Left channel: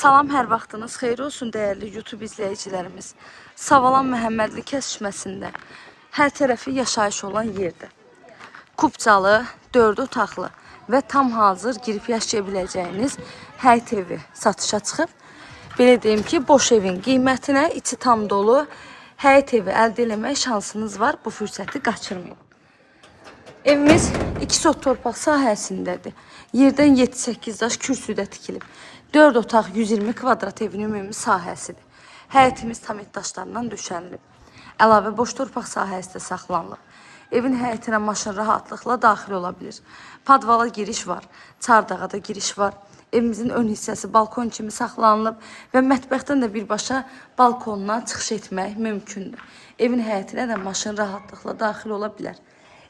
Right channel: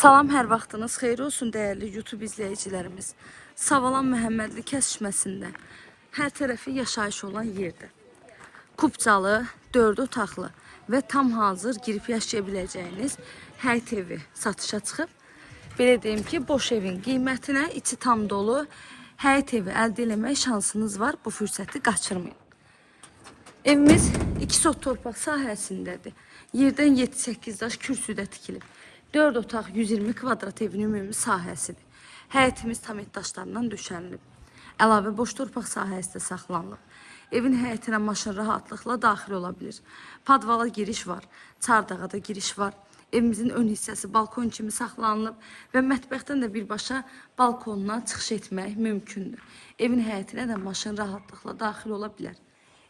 Salam, hər vaxtınız xeyir olsun dəyərli YouTube izləyicilərimiz. Savalan Məhəmmədli kəsişməsində hər tərəfi yaşayış olan yerdir. Kupcalı, 4 otaqlı və tam hazır girib yaşaya biləcəyiniz həyət evi satışa çıxıb. Belə deyim ki, boş evin qiymətinə içi tam dolu həyət evi əldə etmək şansınız var. Bu fürsəti qaçırmayın. Evimiz 2 sot torpaq sahəsindədir. Yerdən 7-8 daş kürsüdə tikilib. 4 otaq 120 kvadrat evin ümumi sahəsidir. Həyətimiz tam daşlarından döşənilib. Əlavə boş torpaq sahəsi də saxlanılıb. Evin həyətinə maşın rahatlıqla daxil ola bilir. Padvala giriş var, çardağa da giriş var. Evimizin ön hissəsi balkon kimi saxlanılıb və mətbəxdən də birbaşa balkonuna çıxış etmək mümkündür. Evin həyətinə də maşın rahatlıqla daxil ola bilər.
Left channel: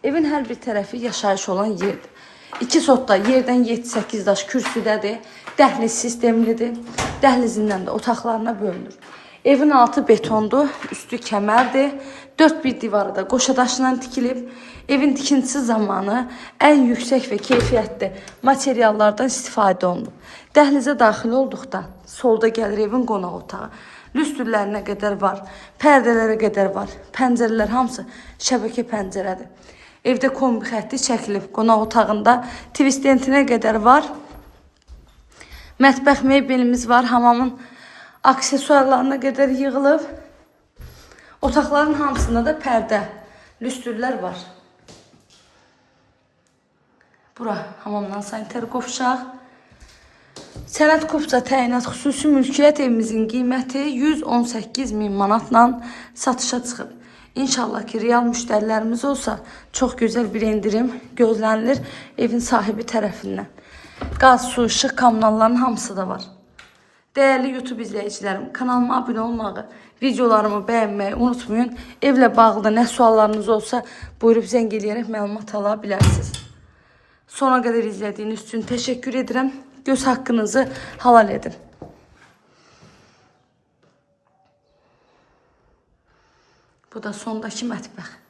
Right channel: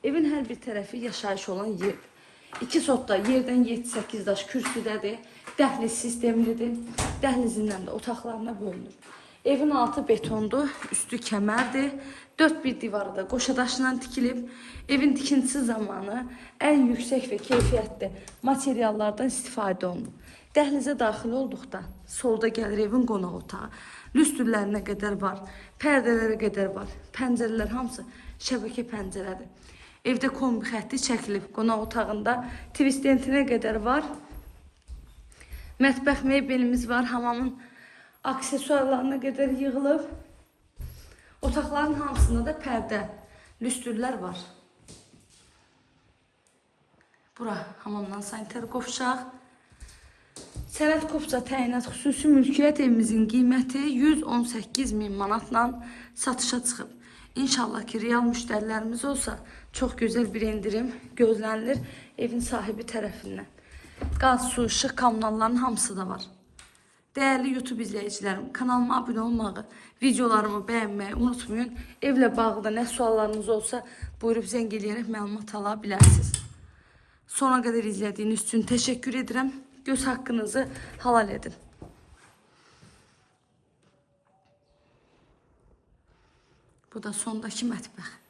Evin hər bir tərəfi yaşayış olan yerdir. 2 sotda yerdən 7-8 daş kürsüdədir. Dəhliz sistemlidir. Dəhlizindən də otaqlarına bölünür. Evin altı betondur, üstü kəmərdir. 4 bir divarı da qoşa daşından tikilib. Evin tikintisi zamanı ən yüksək və keyfiyyətli materiallardan istifadə olunub. Dəhlizə daxil olduqda solda gəlir evin qonaq otağı. Lüstrlərinə qədər var, pərdələrə qədər var. Pəncərələr hamısı şəbəkə pəncərədir. Evdə kombi xətti çəkilib. Qonaq otağında tvistentinə qədər var. Mətbəx mebelimiz var. Hamamın aksesuarlarına qədər yığılıb. Otaqların hamısında da pərdə, lüstrlər var. Bura hamamdan sanitar qovşaq. Sənəd Kupca təyinat xüsusi mülkiyyət evimizin qiyməti 118.000 manatla satışa çıxıb. İnşallah ki, real müştərilərimiz olsa çox gözəl bir indirim gözlənilir evin sahibi tərəfindən. Qaz, su, işıq, kommunalların hamısı da var. Dəyərli YouTube izləyicilərim, kanalıma abunə olmağı, videolarımı bəyənməyi unutmayın. Evlə bağlı nə suallarınız olsa buyurub zəng eləyərək məlumat ala bilərsiniz. Sona qədər izlədiyiniz üçün təşəkkür edirəm. Göz haqqınızı halal edin. Bu da sondakı mətbəx.